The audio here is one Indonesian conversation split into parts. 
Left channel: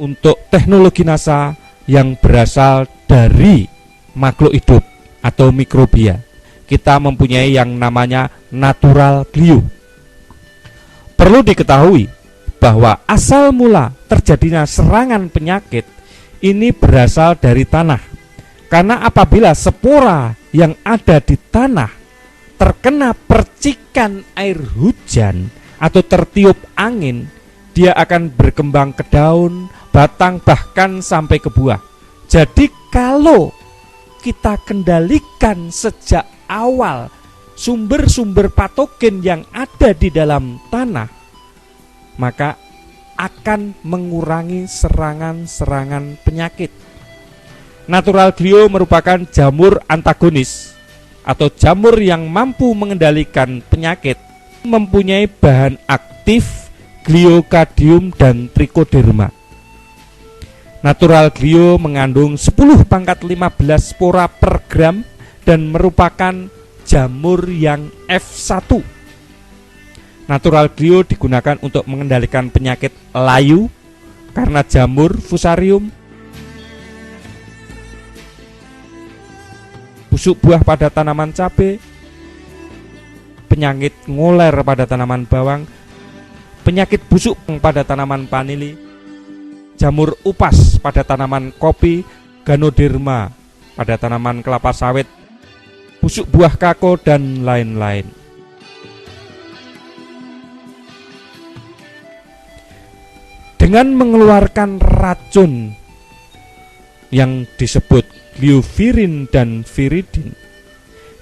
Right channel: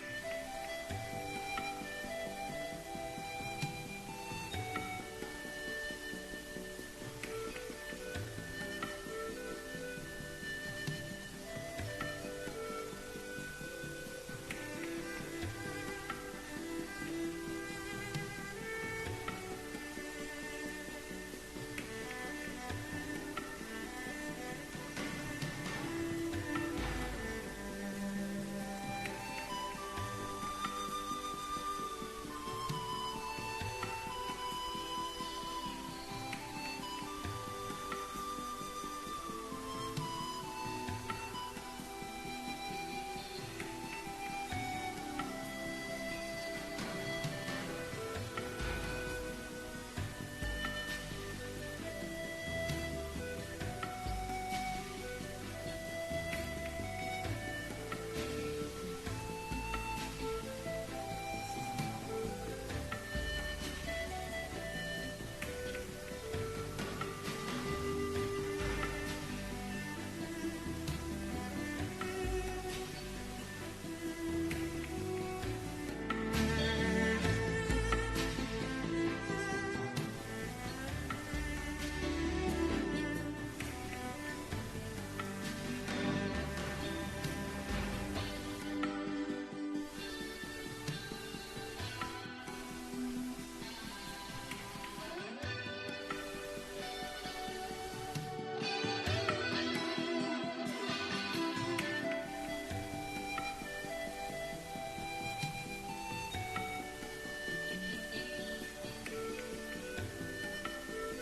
untuk teknologi NASA yang berasal dari makhluk hidup atau mikrobia. Kita mempunyai yang namanya natural glue. Perlu diketahui bahwa asal mula terjadinya serangan penyakit ini berasal dari tanah. Karena apabila spora yang ada di tanah terkena percikan air hujan atau tertiup angin, dia akan berkembang ke daun, batang, bahkan sampai ke buah. Jadi kalau kita kendalikan sejak awal sumber-sumber patogen yang ada di dalam tanah, maka akan mengurangi serangan-serangan penyakit. Natural glue merupakan jamur antagonis atau jamur yang mampu mengendalikan penyakit, mempunyai bahan aktif gliokadium dan trichoderma. Natural glue mengandung 10⁻15 spora per gram dan merupakan jamur yang F1. Natural glue digunakan untuk mengendalikan penyakit layu karena jamur fusarium, busuk buah pada tanaman cabai, penyakit ngoler pada tanaman bawang, penyakit busuk pada tanaman vanili, jamur upas pada tanaman kopi, ganoderma pada tanaman kelapa sawit, busuk buah kakao, dan lain-lain. Dengan mengeluarkan racun yang disebut gliovirin dan viridin,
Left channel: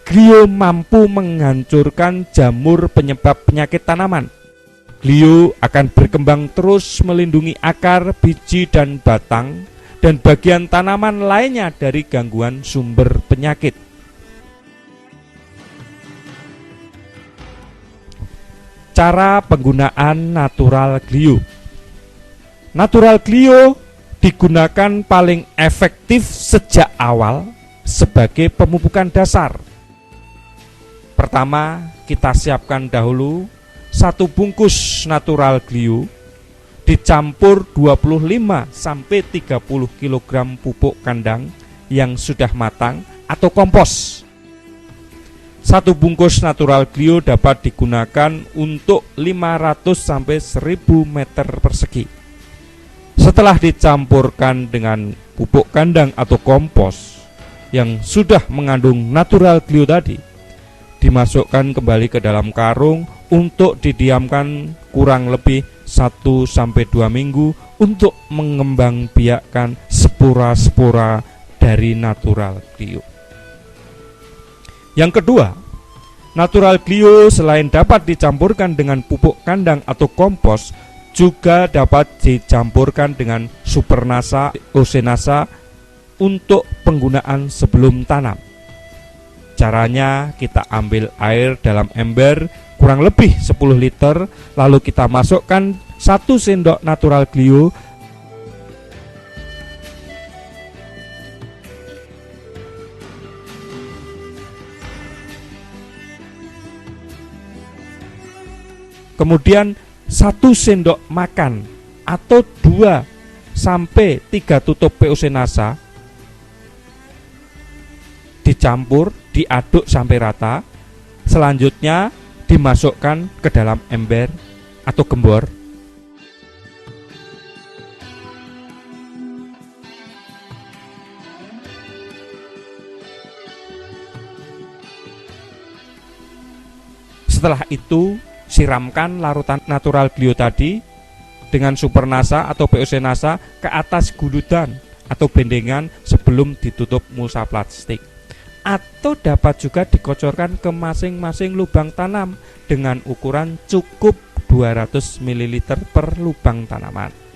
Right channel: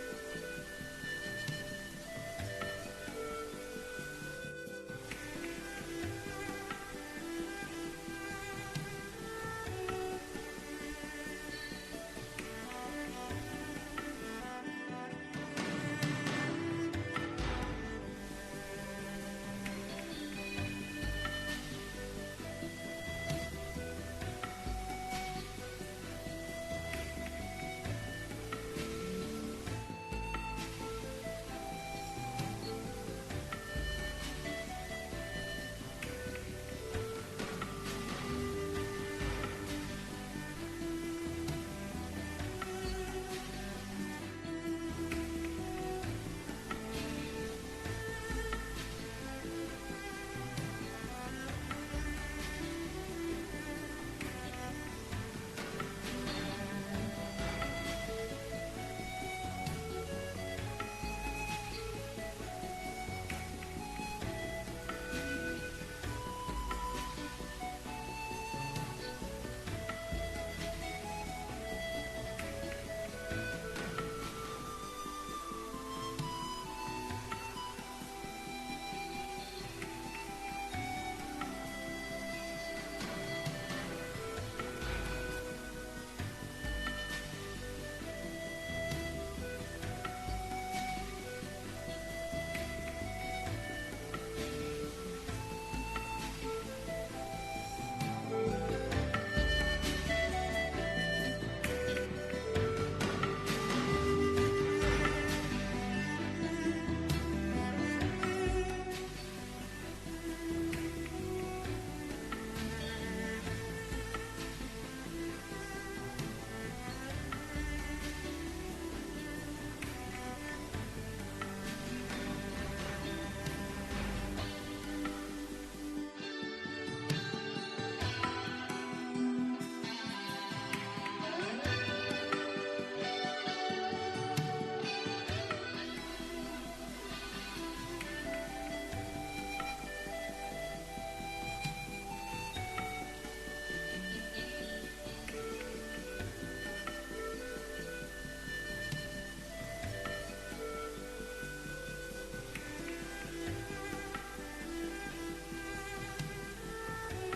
glio mampu menghancurkan jamur penyebab penyakit tanaman. Glio akan berkembang terus melindungi akar, biji, dan batang, dan bagian tanaman lainnya dari gangguan sumber penyakit. Cara penggunaan natural glio. Natural glio digunakan paling efektif sejak awal sebagai pemupukan dasar. Pertama, kita siapkan dahulu 1 bungkus natural glue dicampur 25-30 kg pupuk kandang yang sudah matang atau kompos. 1 bungkus natural glue dapat digunakan untuk 500-1000 meter persegi. Setelah dicampurkan dengan pupuk kandang atau kompos yang sudah mengandung natural glue tadi, dimasukkan kembali ke dalam karung untuk didiamkan kurang lebih 1-2 minggu untuk mengembangbiakkan spora-spora dari natural glue. Yang kedua, natural glue selain dapat dicampurkan dengan pupuk kandang atau kompos, juga dapat dicampurkan dengan supernasa, osenasa untuk penggunaan sebelum tanam. Caranya, kita ambil air dalam ember kurang lebih 10 liter, lalu kita masukkan 1 sendok natural glue, kemudian 1 sendok makan atau 2-3 tutup POC NASA dicampur, diaduk sampai rata. Selanjutnya dimasukkan ke dalam ember atau gembor. Setelah itu siramkan larutan natural glue tadi dengan supernasa atau POC NASA ke atas guludan atau bendengan sebelum ditutup mulsa plastik, atau dapat juga dikocorkan ke masing-masing lubang tanam dengan ukuran cukup 200 ml per lubang tanaman.